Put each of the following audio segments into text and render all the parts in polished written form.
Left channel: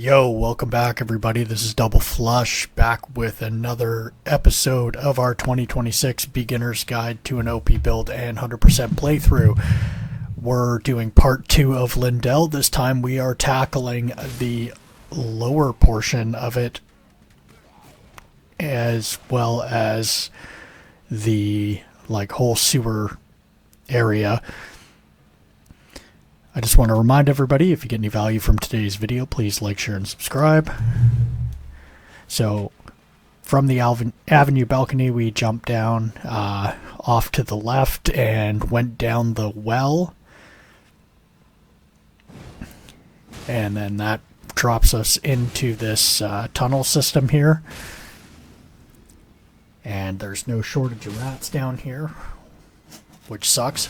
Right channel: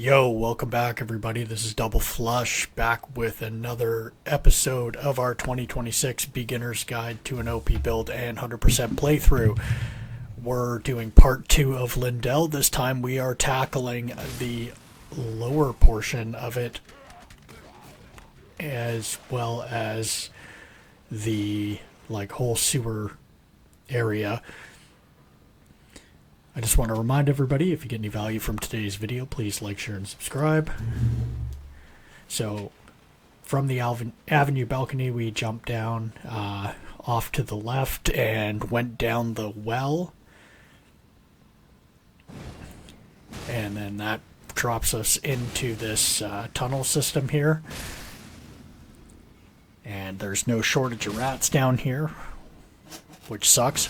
Yo, welcome back everybody. This is Double Flush back with another episode of our 2026 Beginner's Guide to an OP Build and 100% Playthrough. We're doing part 2 of Lyndell. This time we are tackling the lower portion of it as well as the whole sewer area. I just want to remind everybody, if you get any value from today's video, please like, share, and subscribe. So, from the Avenue balcony, we jumped down off to the left and went down the well. And then that drops us into this tunnel system here. And there's no shortage of rats down here, which sucks.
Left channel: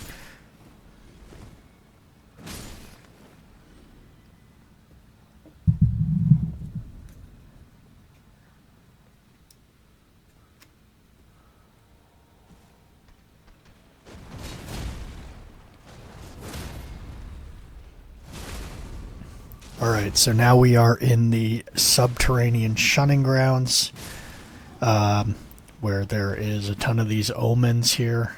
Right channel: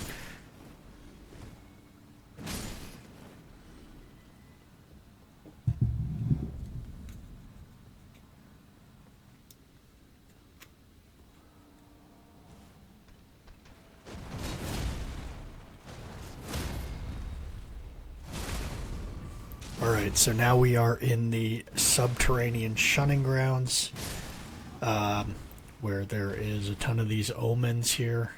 Alright, so now we are in the subterranean shunning grounds, where there is a ton of these omens here.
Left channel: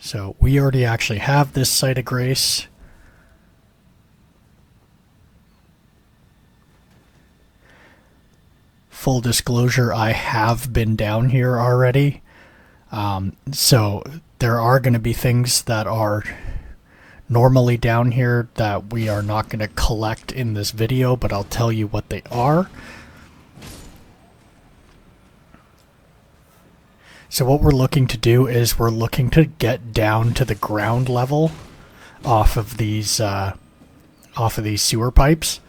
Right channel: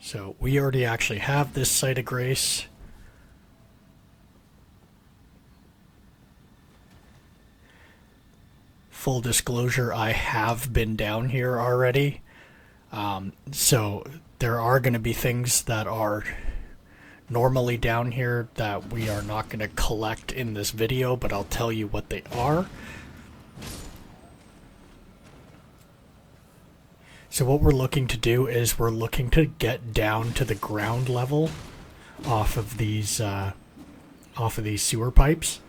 So we already actually have this site of grace. Full disclosure, I have been down here already. So there are going to be things that are normally down here that we are not going to collect in this video, but I'll tell you what they are. So what we're looking to do is we're looking to get down to the ground level off of these sewer pipes.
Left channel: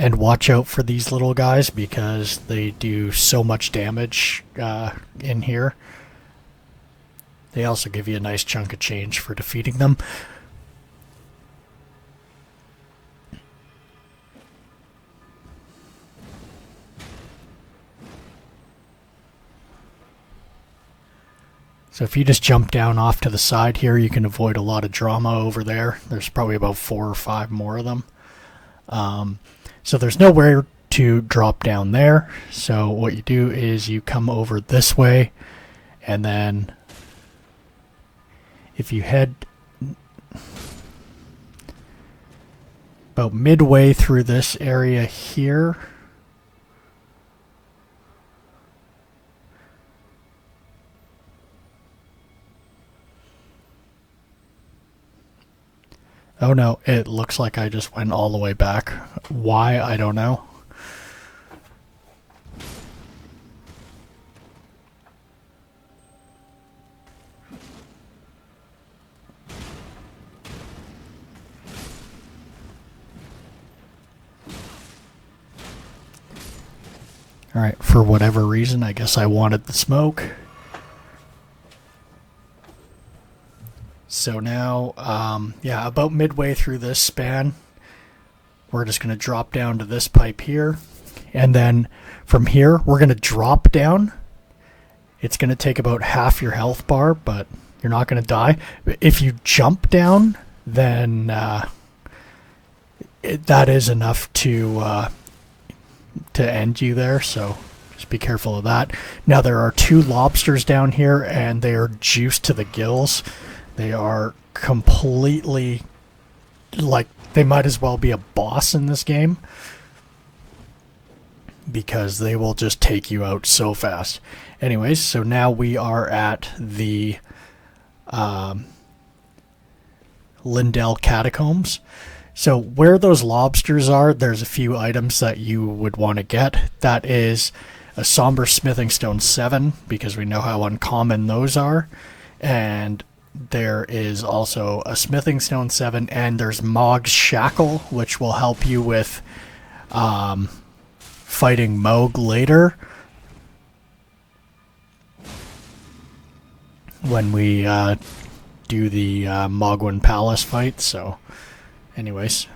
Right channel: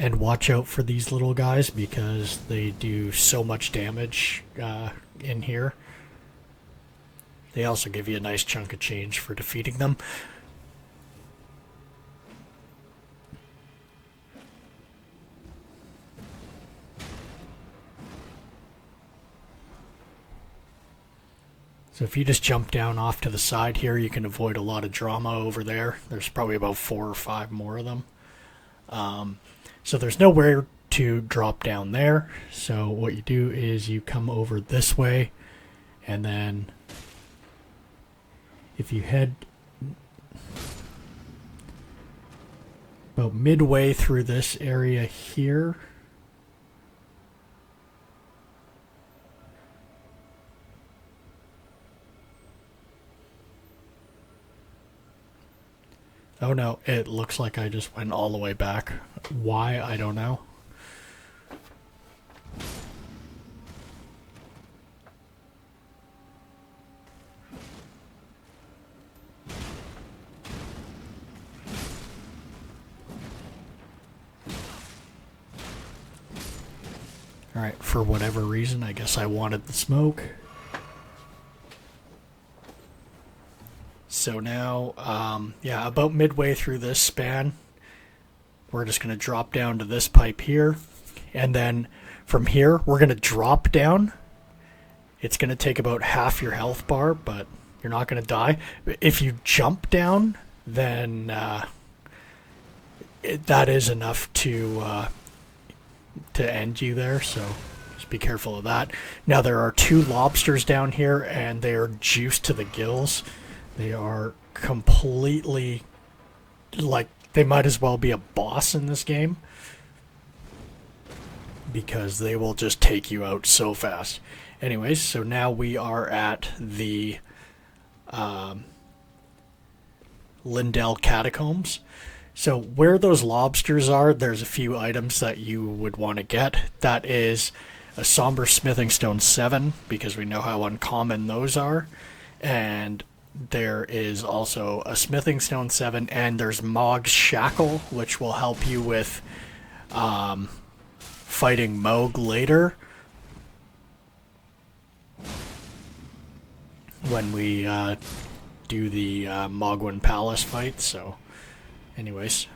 And watch out for these little guys because they do so much damage in here. They also give you a nice chunk of change for defeating them. So if you just jump down off to the side here, you can avoid a lot of drama over there. There's probably about 4 or 5 more of them. So there's nowhere to drop down there. So what you do is you come over this way, and then if you head about midway through this area here, oh no, it looks like I just went all the way back. Why, I don't know. Alright, for whatever reason, I guess I wanted the smoke. So now, yeah, about midway through this span, we're just going to drop down to this pipe here. And then from here, we're going to drop down. It's going to take about half your health bar, but you're not going to die. If you jump down, then that is enough to end you there, so just be careful of that. Now there are 2 lobsters down here, and they are juiced to the gills. They are completely, they might as well be a boss in this game because they will just take you out so fast. Anyways, so now we are at the Lyndell Catacombs. So where those lobsters are, there's a few items that you would want to get. That is a Somber Smithing Stone 7, because we know how uncommon those are. And there is also a Smithing Stone 7, and there's Mog's Shackle, which will help you with fighting Moog later when we do the Mogwin Palace fight. So anyways,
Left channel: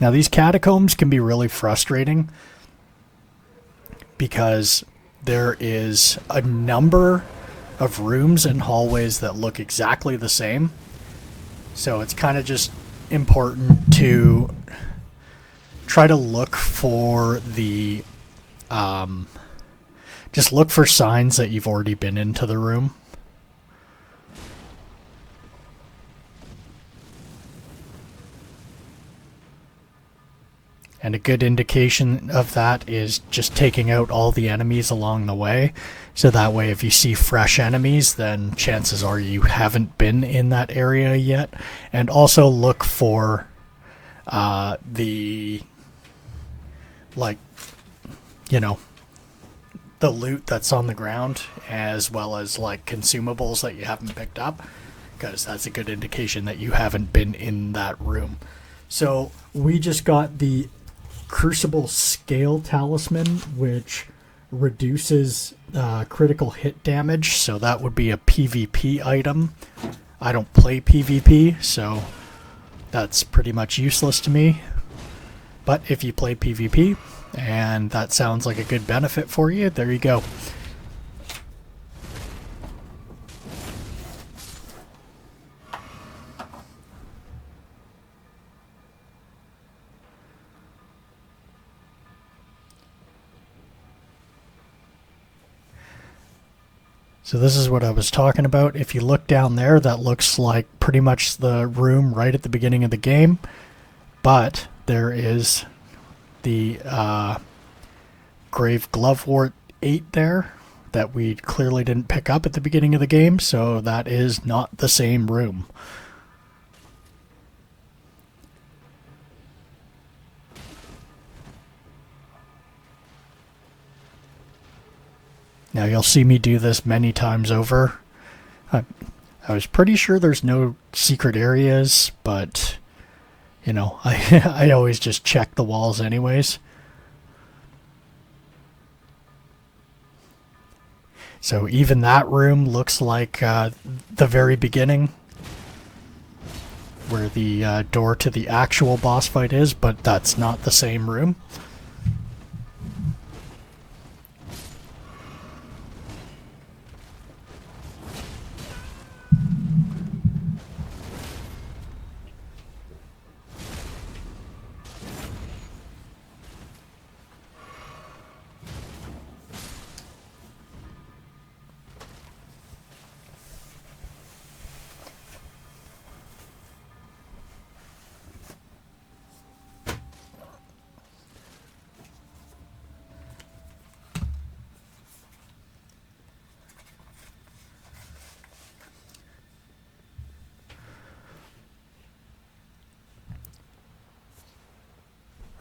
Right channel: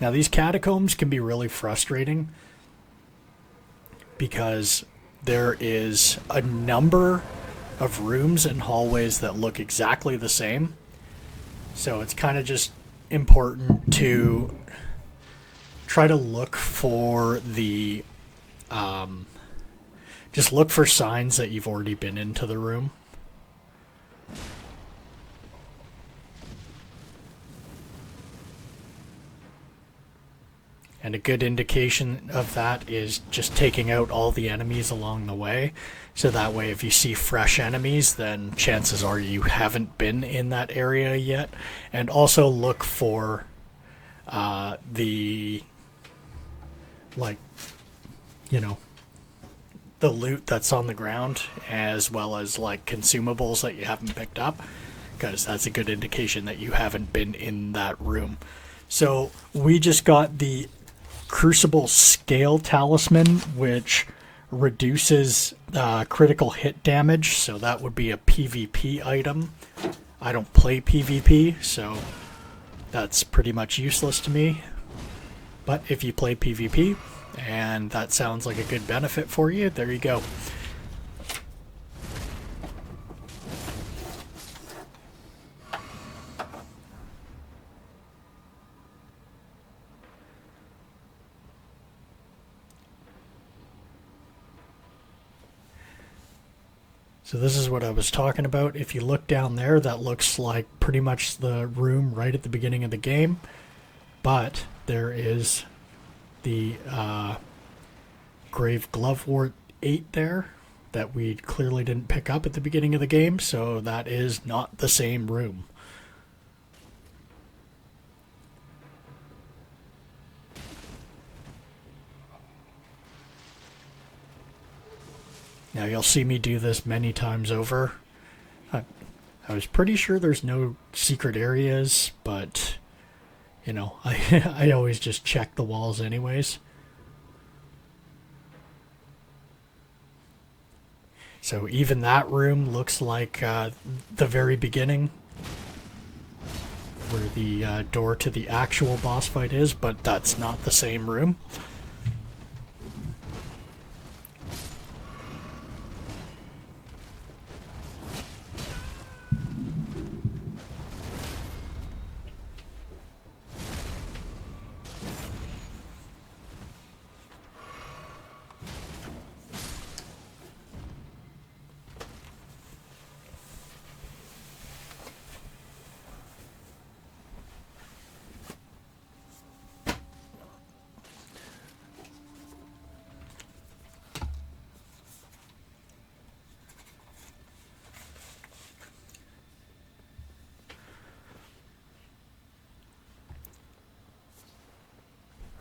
now these catacombs can be really frustrating because there is a number of rooms and hallways that look exactly the same. So it's kind of just important to try to look for the just look for signs that you've already been into the room. And a good indication of that is just taking out all the enemies along the way. So that way if you see fresh enemies, then chances are you haven't been in that area yet. And also look for the, like, you know, the loot that's on the ground, as well as like consumables that you haven't picked up, because that's a good indication that you haven't been in that room. So we just got the Crucible Scale Talisman, which reduces critical hit damage, so that would be a PvP item. I don't play PvP, so that's pretty much useless to me. But if you play PvP, and that sounds like a good benefit for you, there you go. So this is what I was talking about. If you look down there, that looks like pretty much the room right at the beginning of the game. But there is the Grave Glovewort 8 there that we clearly didn't pick up at the beginning of the game, so that is not the same room. Now you'll see me do this many times over. I was pretty sure there's no secret areas, but you know, I always just check the walls anyways. So even that room looks like the very beginning, where the door to the actual boss fight is, but that's not the same room.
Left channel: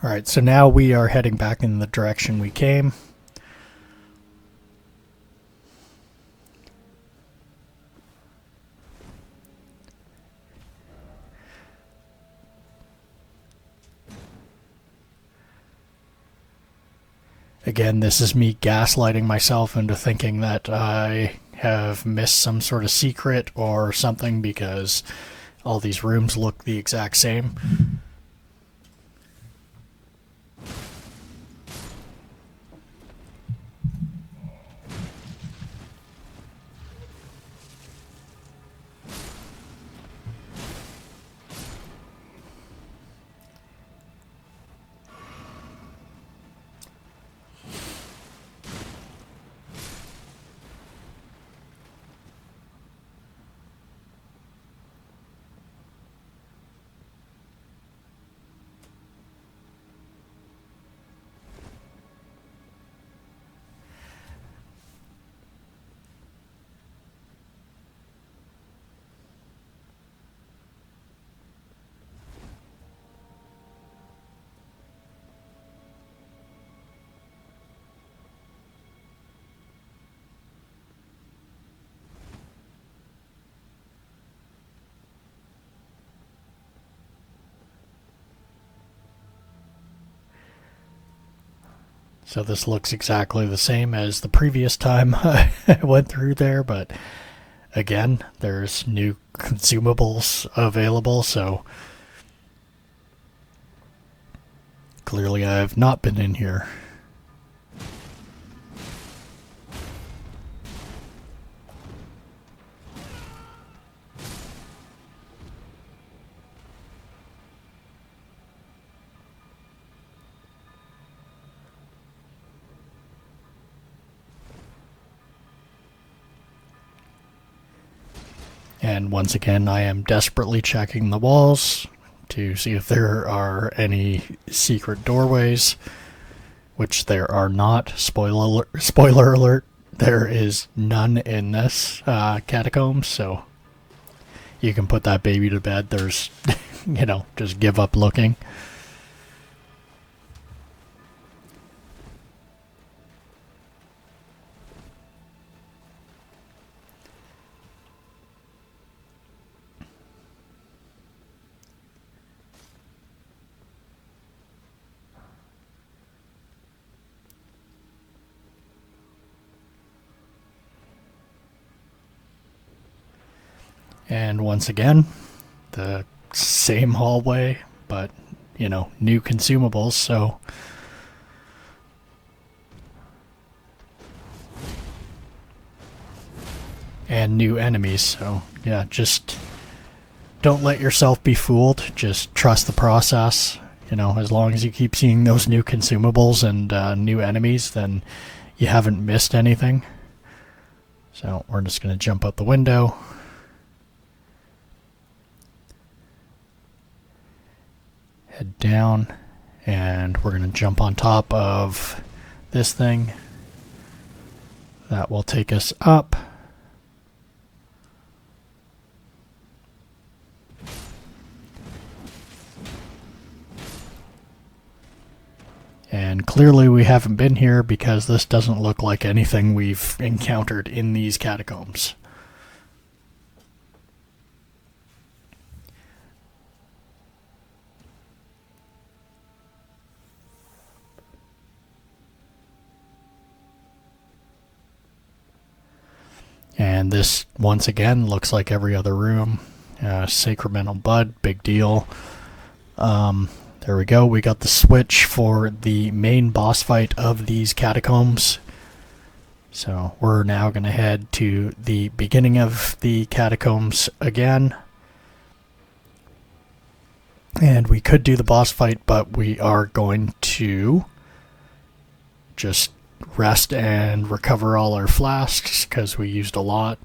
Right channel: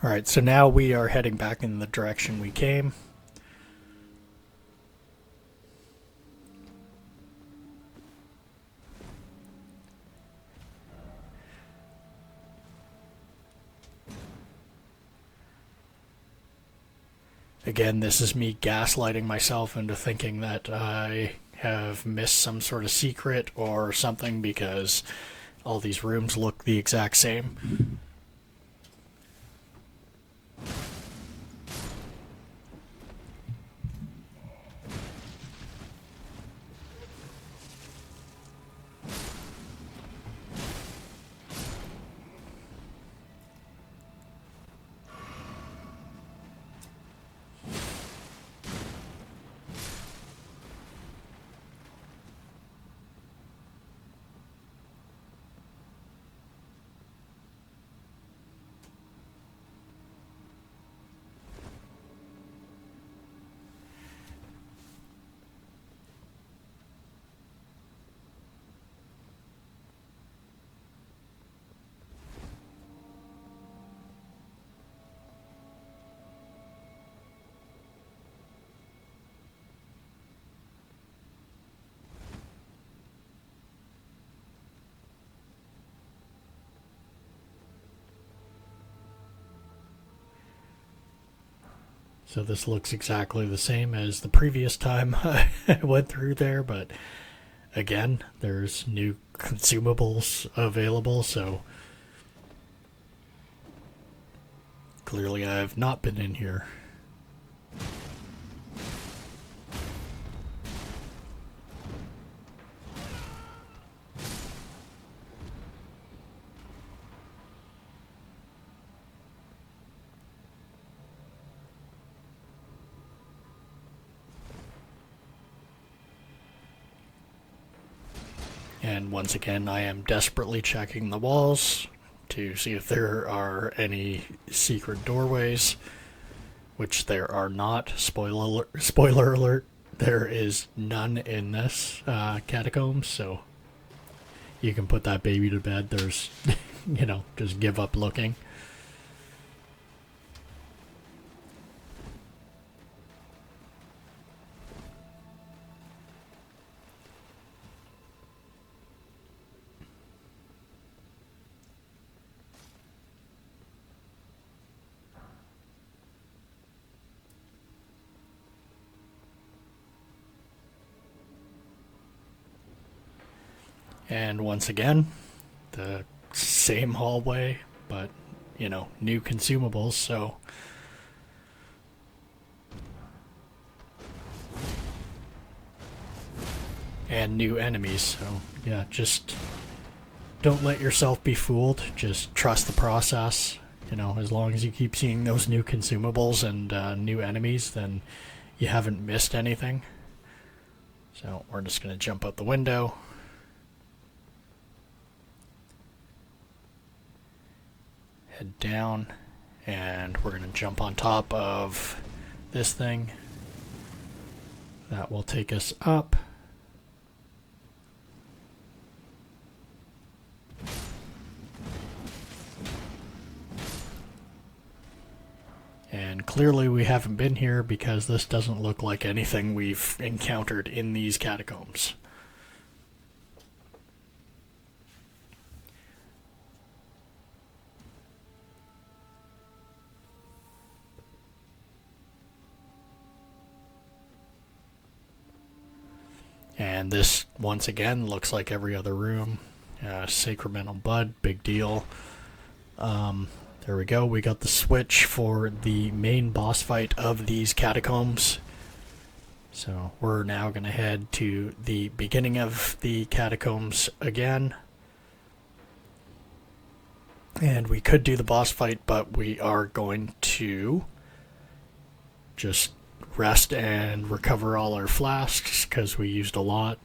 Alright, so now we are heading back in the direction we came. Again, this is me gaslighting myself into thinking that I have missed some sort of secret or something because all these rooms look the exact same. So this looks exactly the same as the previous time I went through there, but again, there's new consumables available, so clearly I have not been in here. And once again, I am desperately checking the walls to see if there are any secret doorways, which there are not. Spoiler alert, there is none in this catacomb, so you can put that baby to bed. There's, just give up looking. And once again, the same hallway, but, new consumables, so... And new enemies, so, yeah, just don't let yourself be fooled. Just trust the process. As long as you keep seeing those new consumables and new enemies, then you haven't missed anything. So we're just going to jump out the window. Head down, and we're going to jump on top of this thing. That will take us up. And clearly we haven't been here because this doesn't look like anything we've encountered in these catacombs. And this, once again, looks like every other room. Sacramental Bud, big deal. There we go. We got the switch for the main boss fight of these catacombs. So we're now going to head to the beginning of the catacombs again. And we could do the boss fight, but we are going to just rest and recover all our flasks because we used a lot.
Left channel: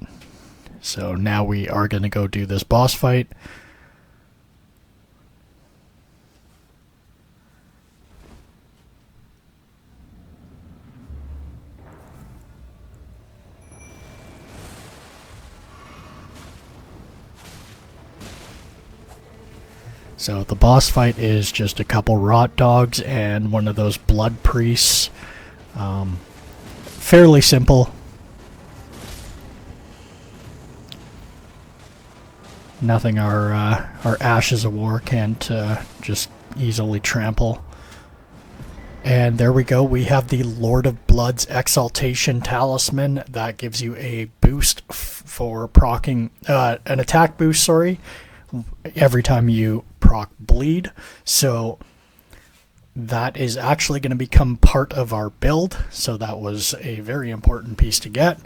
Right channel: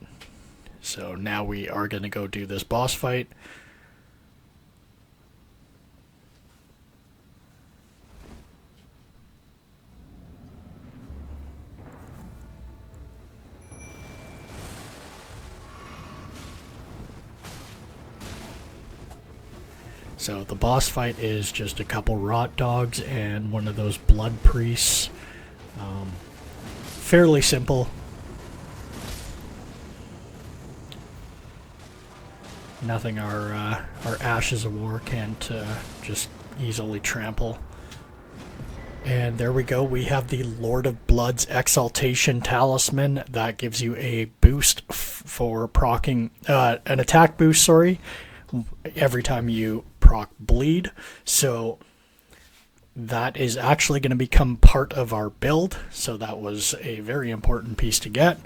So now we are going to go do this boss fight. So the boss fight is just a couple rot dogs and one of those blood priests. Fairly simple. Nothing our Ashes of War can't just easily trample. And there we go. We have the Lord of Blood's Exaltation Talisman. That gives you a boost for proccing... an attack boost, sorry, every time you proc bleed. So that is actually going to become part of our build. So that was a very important piece to get.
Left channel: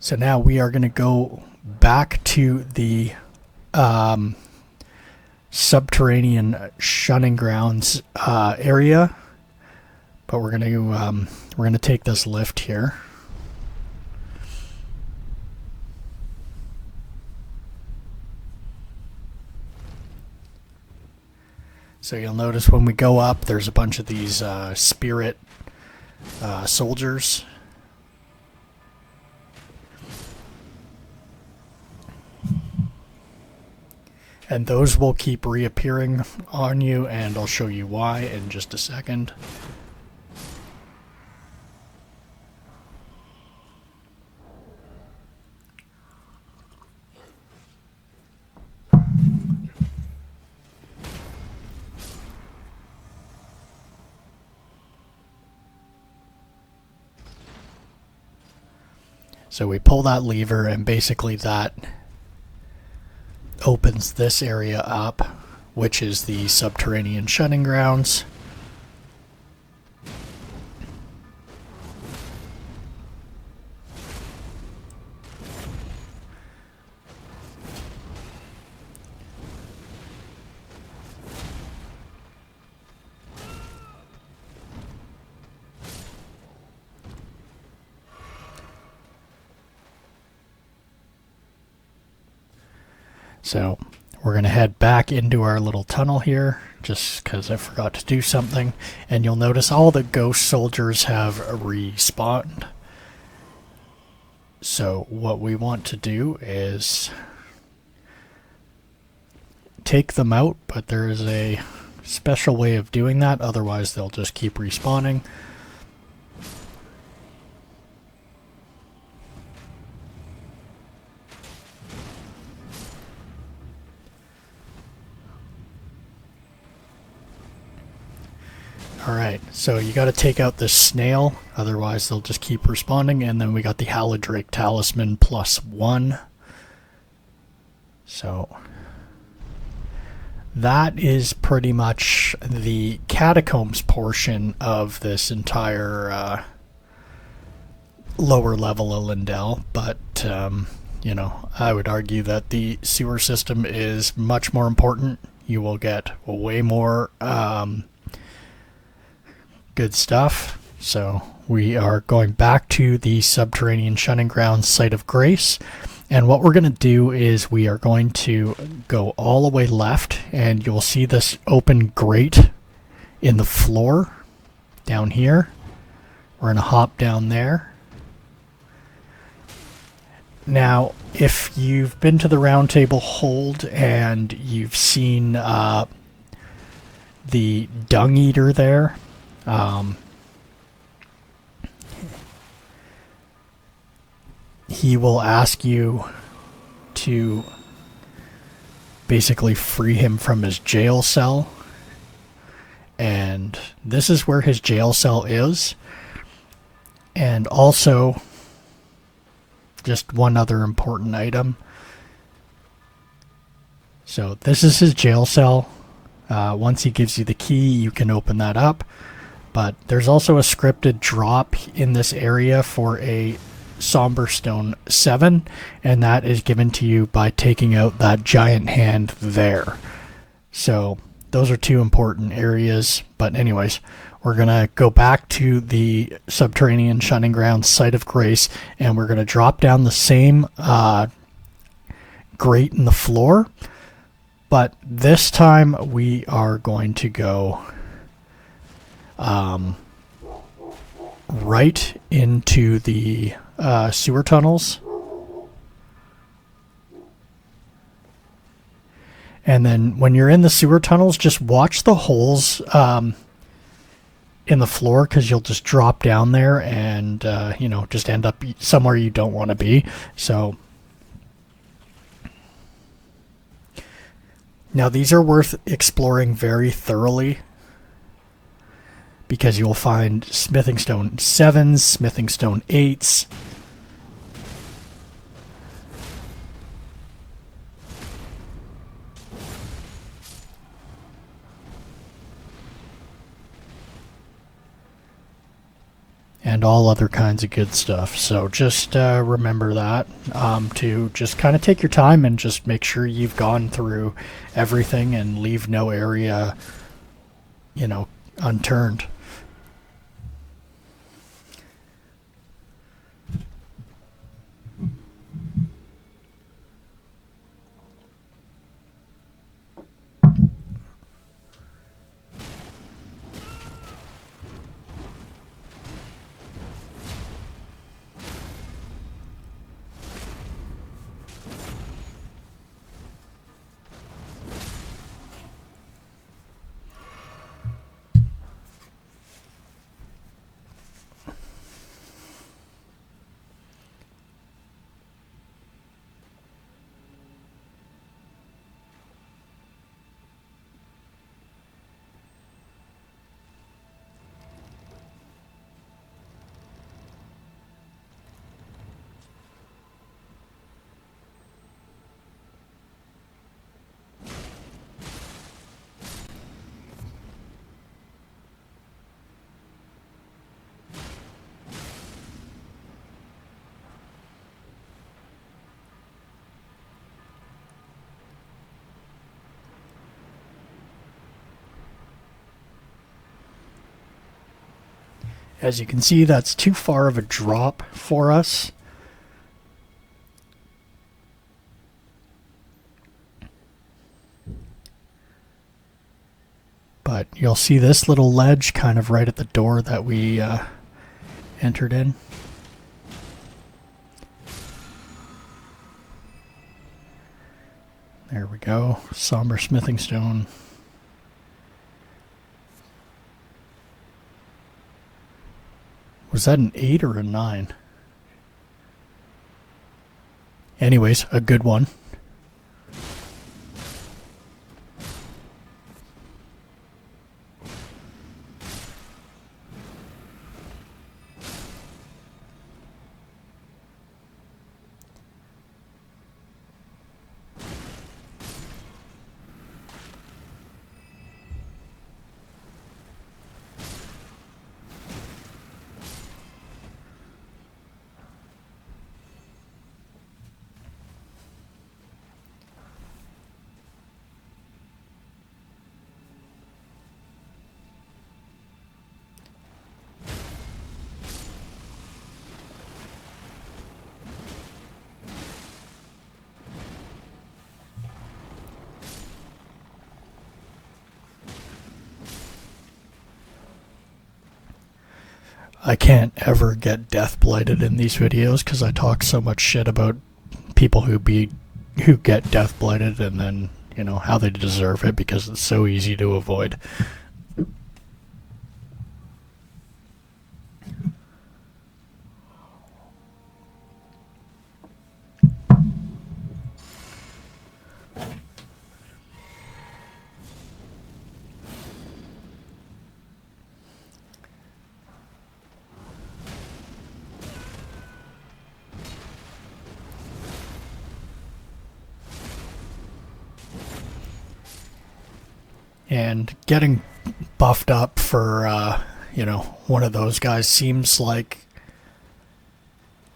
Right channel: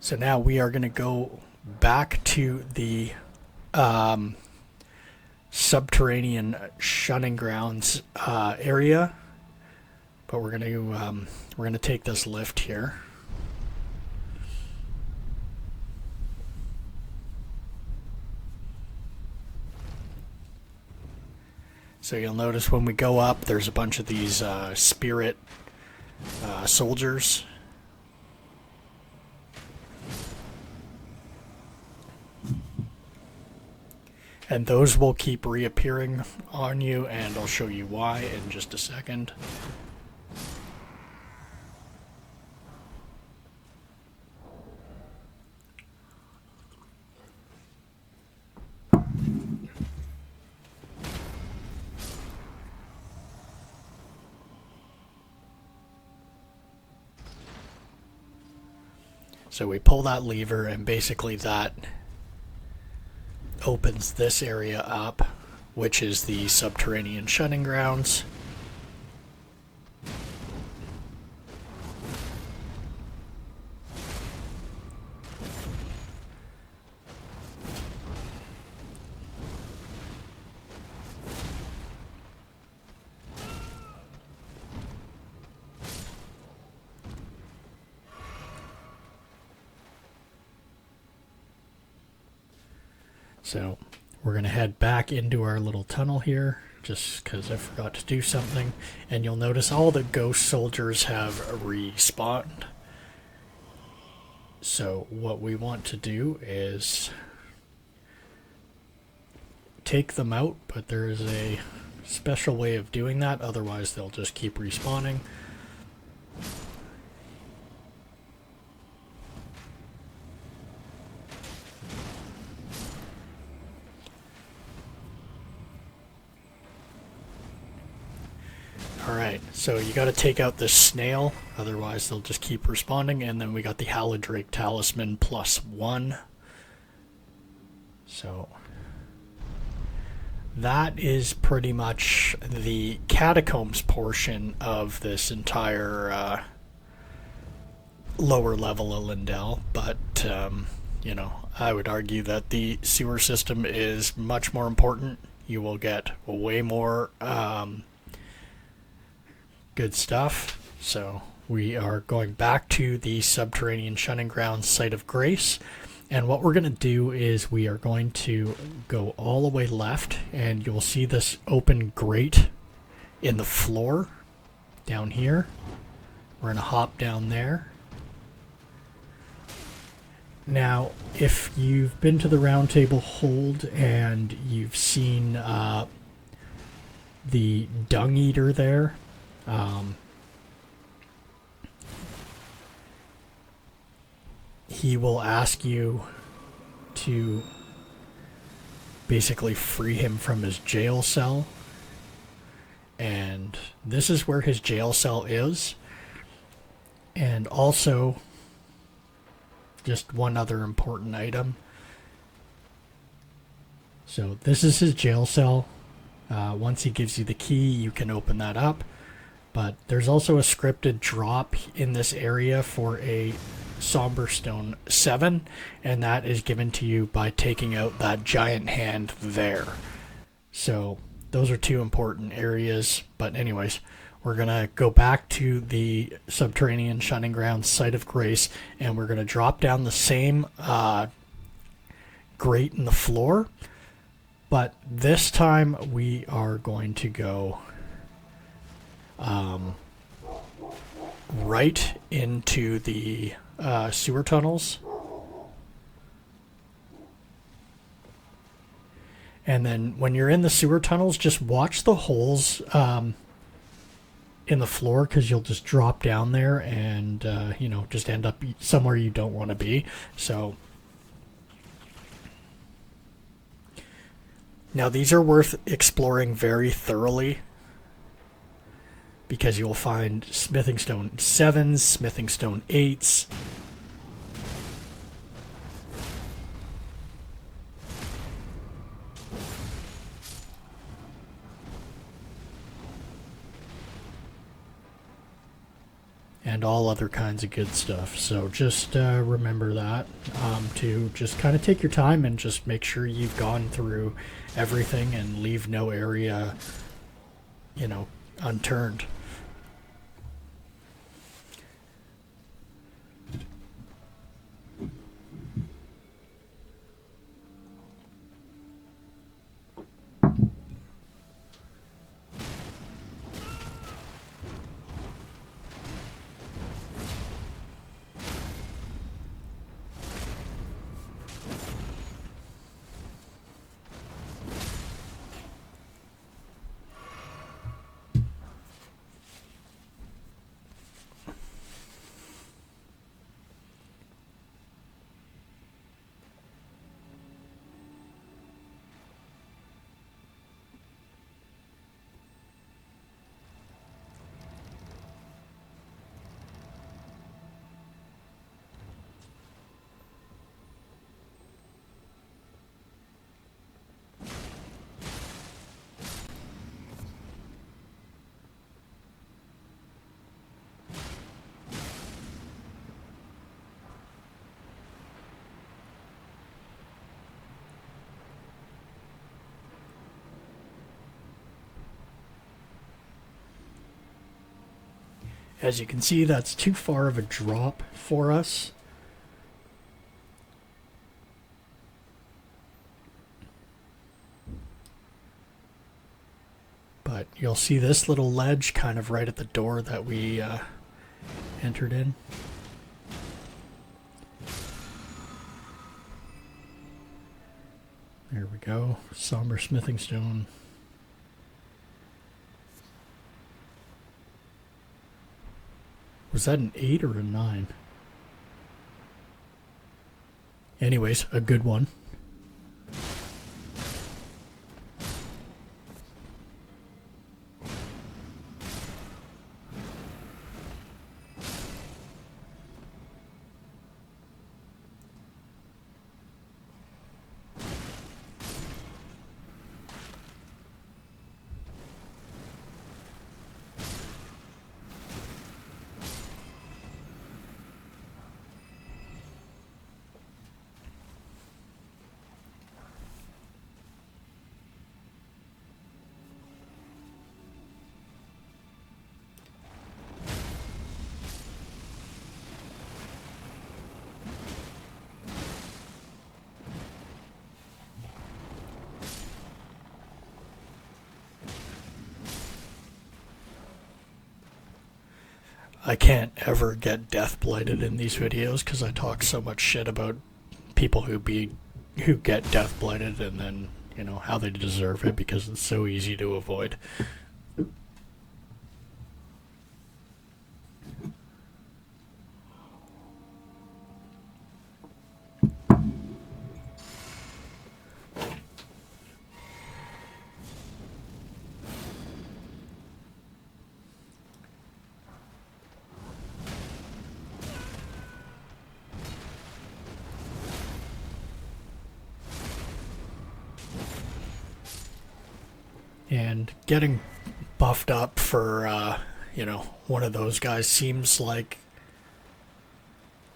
So now we are going to go back to the subterranean shunning grounds area, but we're going to take this lift here. So you'll notice when we go up, there's a bunch of these spirit soldiers. And those will keep reappearing on you, and I'll show you why in just a second. So we pull that lever, and basically that opens this area up, which is the subterranean shunning grounds. So we're going to head back into our little tunnel here, just because I forgot to do something. And you'll notice all the ghost soldiers have respawned. So what we want to do is take them out, but there is a special way of doing that, otherwise they'll just keep respawning. Alright, so you gotta take out this snail, otherwise they'll just keep responding, and then we got the Haladrake Talisman +1. So that is pretty much the catacombs portion of this entire lower level of Lyndell, but you know, I would argue that the sewer system is much more important. You will get way more good stuff. So we are going back to the subterranean shunning grounds site of grace, and what we're going to do is we are going to go all the way left, and you'll see this open grate in the floor down here. We're going to hop down there. Now if you've been to the round table hold and you've seen the dung eater there, he will ask you to basically free him from his jail cell, and this is where his jail cell is. And also, just one other important item. So this is his jail cell. Once he gives you the key, you can open that up. But there's also a scripted drop in this area for a Somber Stone 7, and that is given to you by taking out that giant hand there. So those are two important areas. But anyways, we're going to go back to the subterranean shunning grounds site of grace, and we're going to drop down the same grate in the floor. But this time we are going to go right into the sewer tunnels. And then when you're in the sewer tunnels, just watch the holes in the floor, because you'll just drop down there and you know, just end up somewhere you don't want to be. So now these are worth exploring very thoroughly, because you'll find smithing stone 7s, smithing stone 8s. And all other kinds of good stuff. So just remember that, to just kind of take your time and just make sure you've gone through everything and leave no area, you know, unturned. As you can see, that's too far of a drop for us. you'll see this little ledge kind of right at the door that we entered in. There we go. Somber smithing stone. Was that an 8 or a 9? Anyways, a good one. I can't ever get death blighted in these videos because I talk so much shit about people who get death blighted, and then, you know, how they deserve it because it's so easy to avoid. And getting buffed up for, you know, one of those guys seems like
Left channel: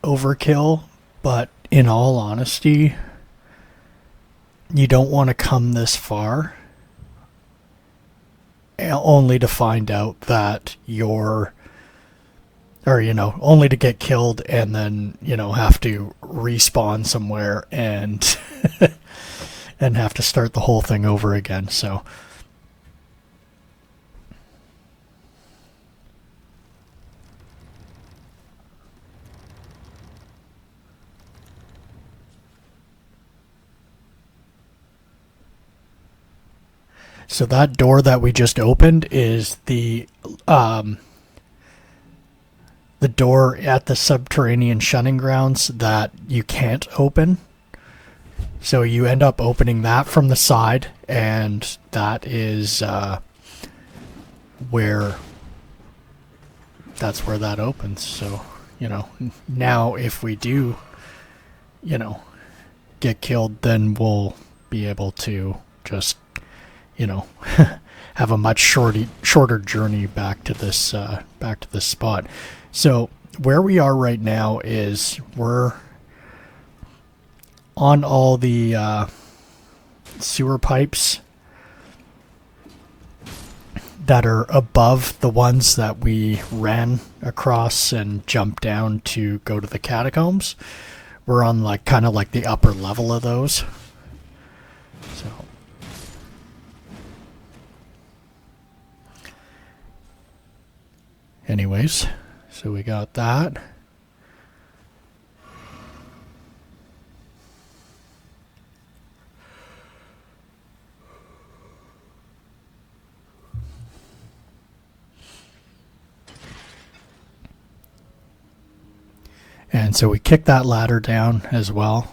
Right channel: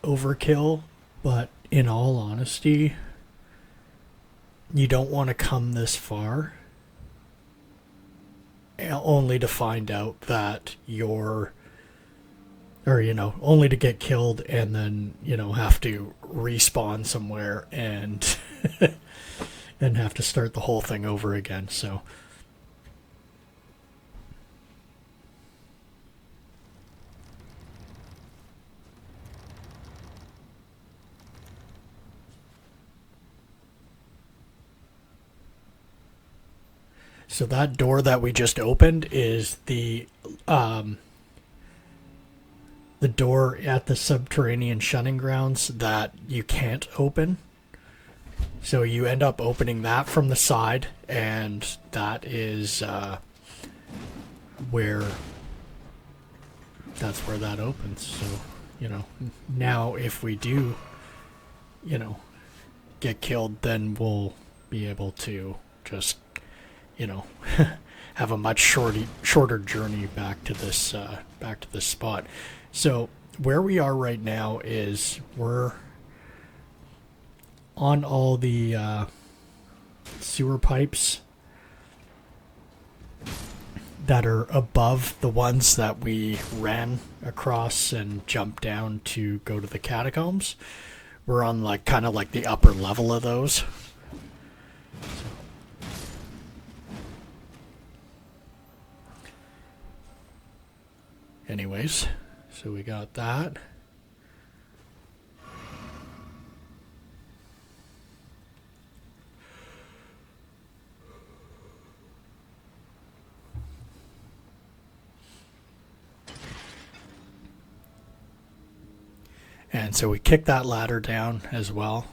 overkill, but in all honesty, you don't want to come this far only to find out that you're, or, you know, only to get killed and then, you know, have to respawn somewhere and and have to start the whole thing over again. So that door that we just opened is the door at the subterranean shunning grounds that you can't open. So you end up opening that from the side, and that is where that's where that opens. So, you know, now if we do, you know, get killed, then we'll be able to just, you know, have a much shorter journey back to this spot. So where we are right now is we're on all the sewer pipes that are above the ones that we ran across and jumped down to go to the catacombs. We're on like kind of like the upper level of those. So anyways, so we got that. And so we kick that ladder down as well,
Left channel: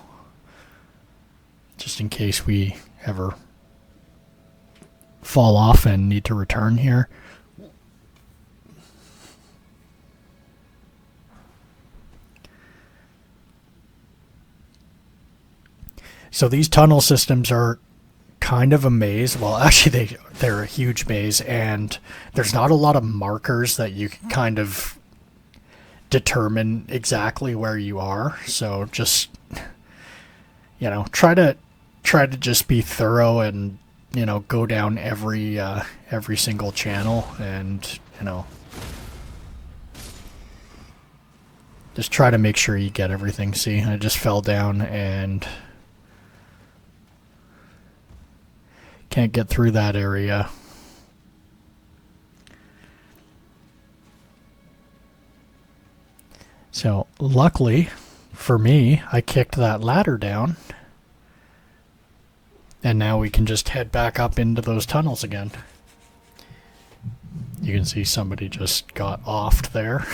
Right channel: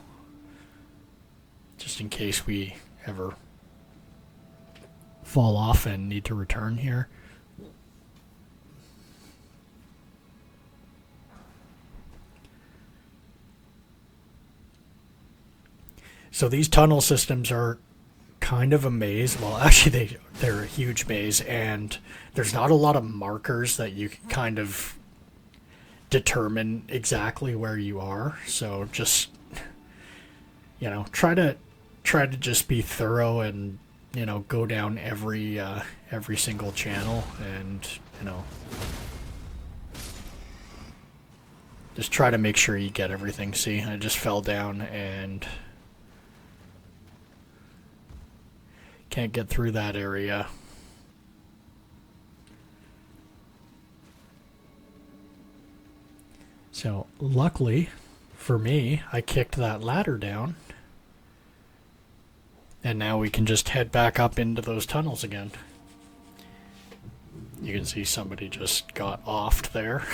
just in case we ever fall off and need to return here. So these tunnel systems are kind of a maze. Well, actually, they're a huge maze, and there's not a lot of markers that you can kind of determine exactly where you are. So just, you know, try to just be thorough and, you know, go down every single channel, and, you know, just try to make sure you get everything. See, I just fell down and can't get through that area. So luckily for me, I kicked that ladder down. And now we can just head back up into those tunnels again. You can see somebody just got offed there.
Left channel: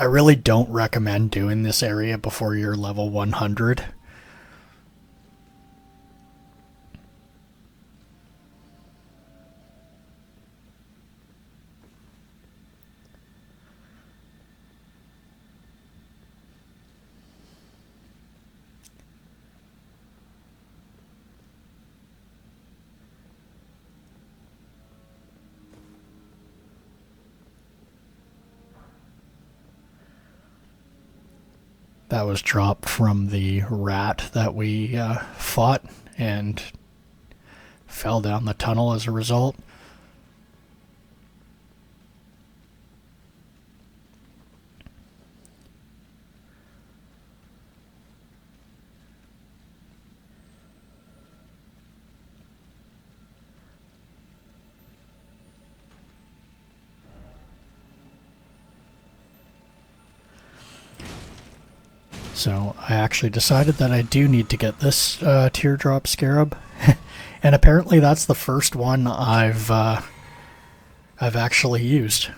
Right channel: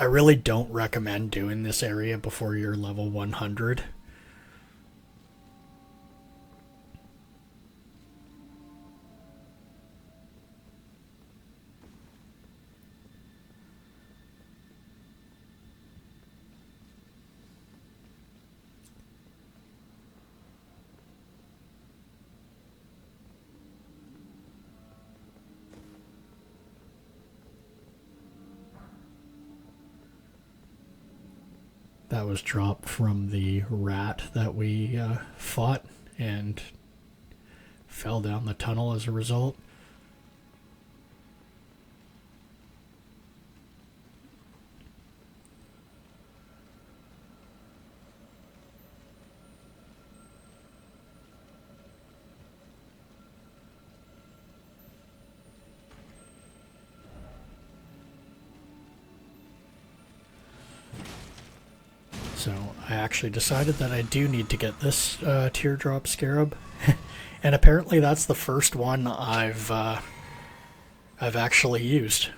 I really don't recommend doing this area before you're level 100. That was dropped from the rat that we fought and fell down the tunnel as a result. So I actually decided that I do need to get this teardrop scarab, and apparently that's the first one I've actually used.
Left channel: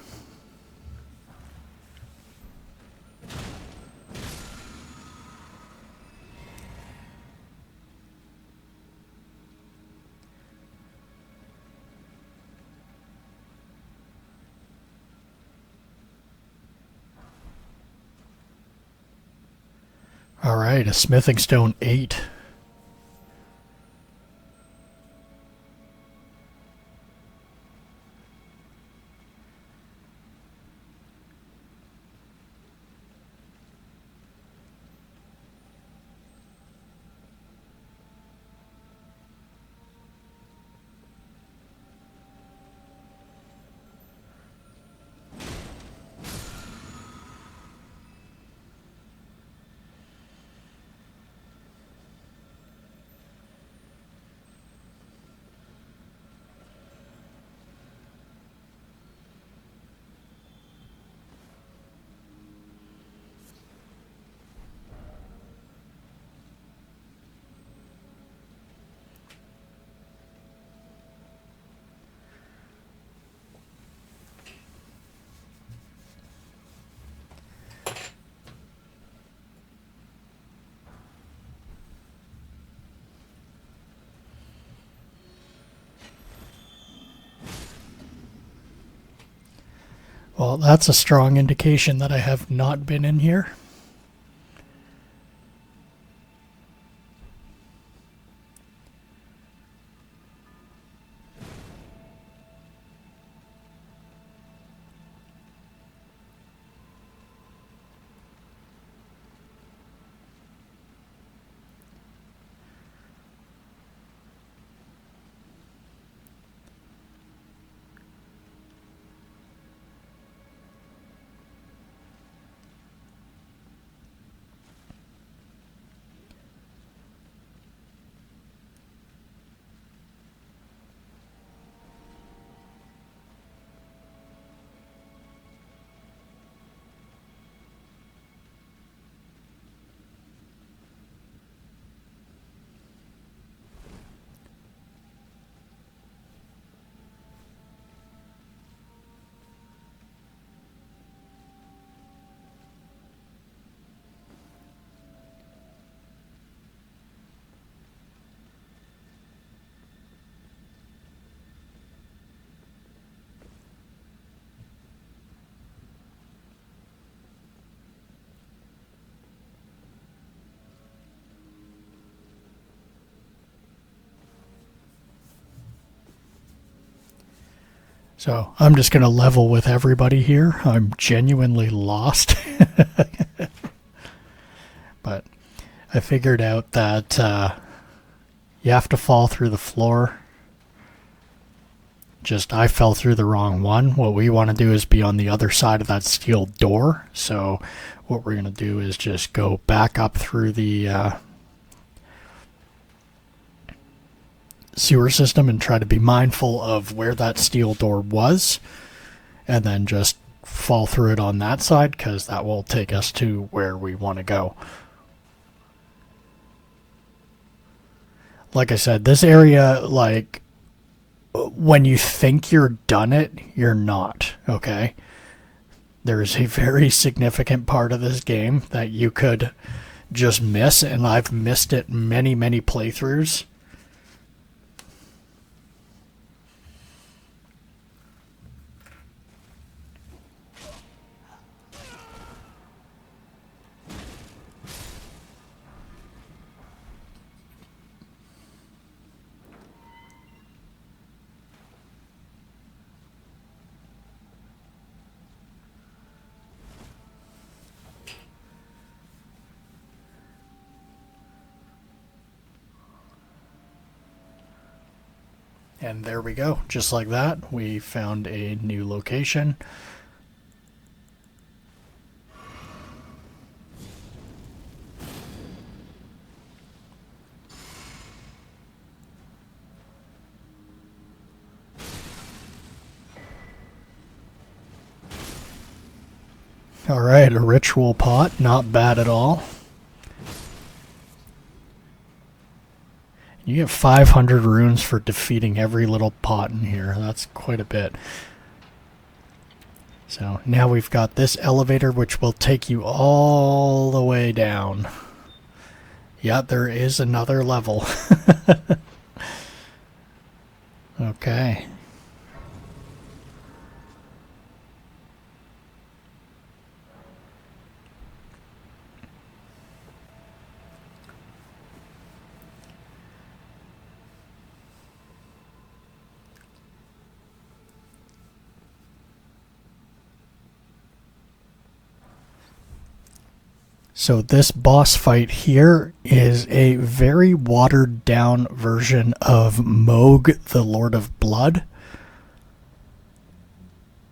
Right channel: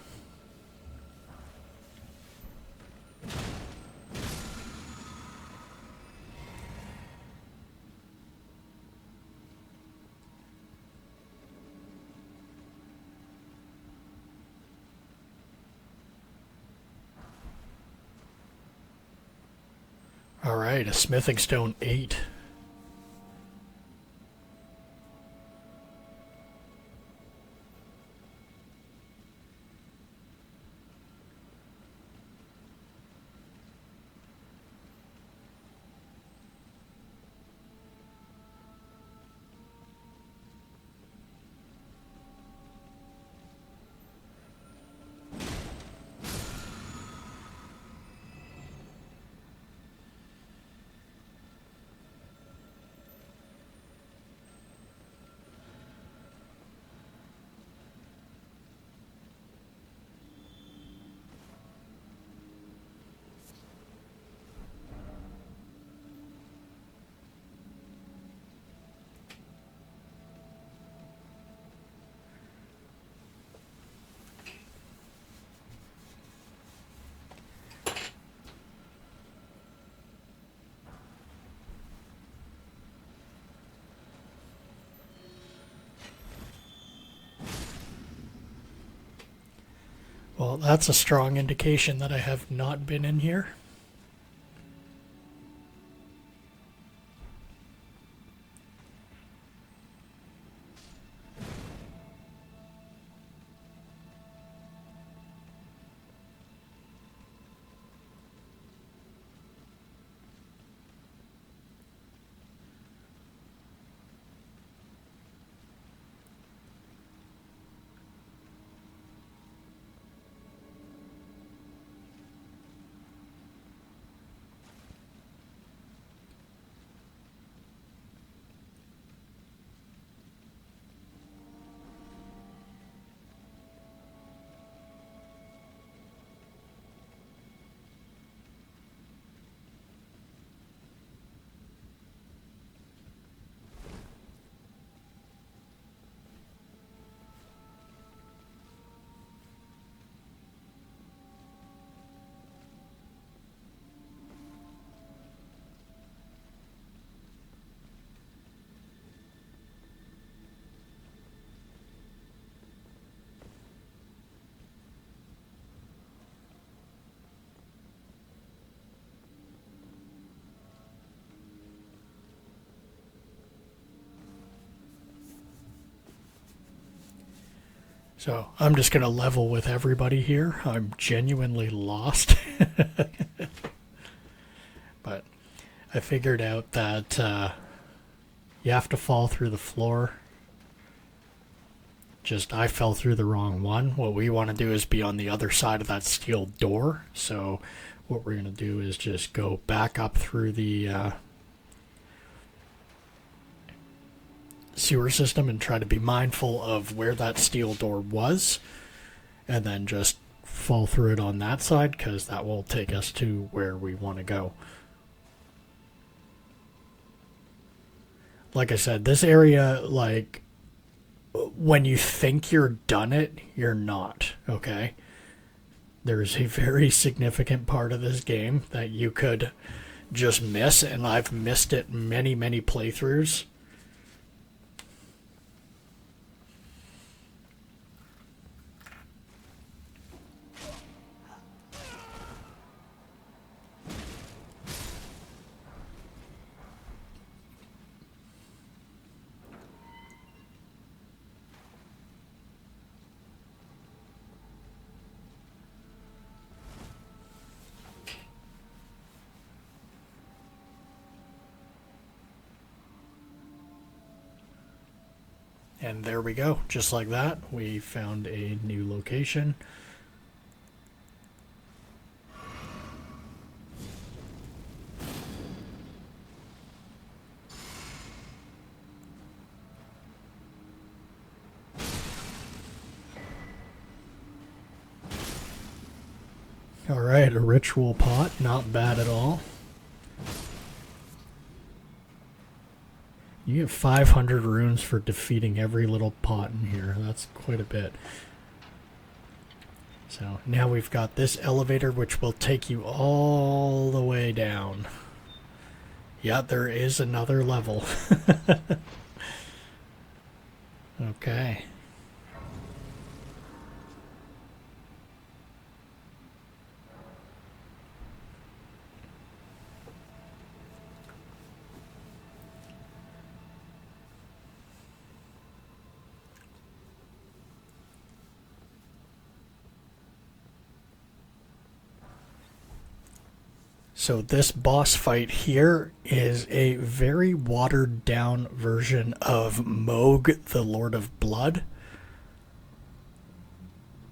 Alright, a smithing stone 8. Well, that's a strong indication that I have not been in here. So I'm just going to level with everybody here. I'm genuinely lost. But I figured out that you have to fall through the floor. Just I fell through the wrong one. What we want to do is be on the other side of that steel door. So what we're going to do is just go back up through the sewer system and try to be mindful of where that steel door was, and then just fall through it on that side, because that will take us to where we want to go. Like I said, this area, like, when you think you're done it, you're not, okay? There's a very significant part of this game that you could just miss, and I've missed it many, many playthroughs. And there we go. Just like that, we found a new location. Alright, a ritual pot. Not bad at all. You get 500 runes for defeating every little pot in here. That's quite a bit. So now we've got this elevator, which will take you all the way down. Yeah, there is another level. Okay. So this boss fight here is a very watered down version of Moog, the Lord of Blood.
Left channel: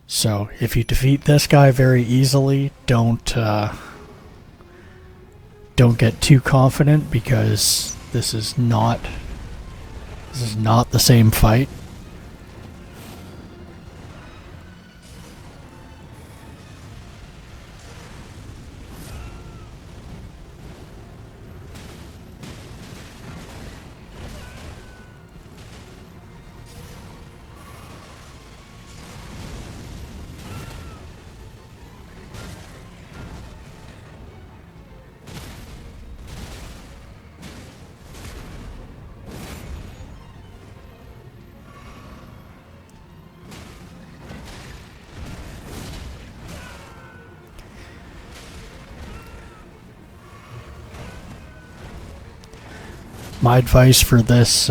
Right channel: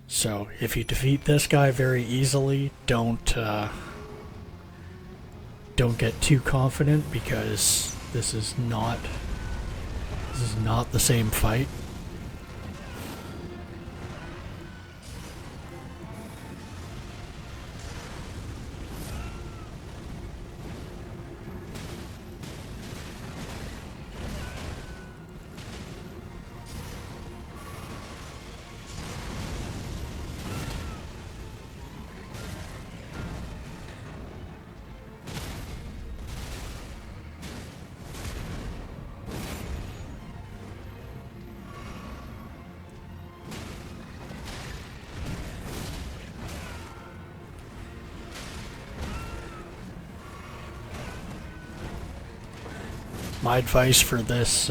So if you defeat this guy very easily, don't get too confident, because this is not the same fight. My advice for this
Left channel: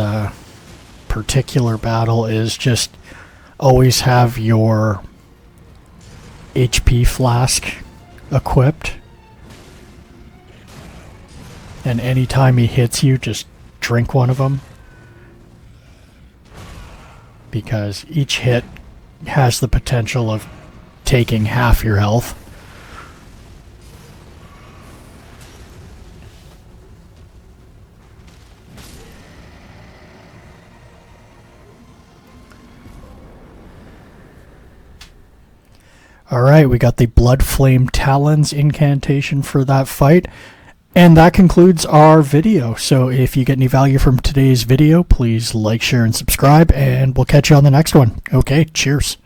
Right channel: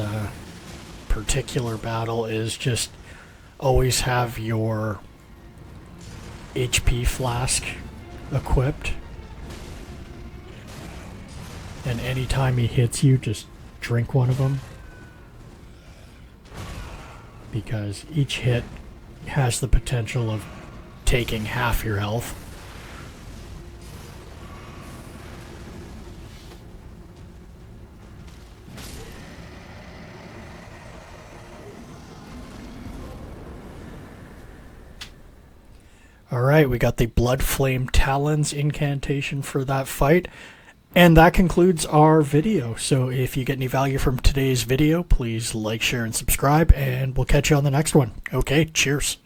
particular battle is just always have your HP flask equipped. And anytime he hits you, just drink one of them. Because each hit has the potential of taking half your health. Alright, we got the Blood Flame Talons incantation for that fight. And that concludes our video. So if you get any value from today's video, please like, share, and subscribe, and we'll catch you on the next one. Okay, cheers.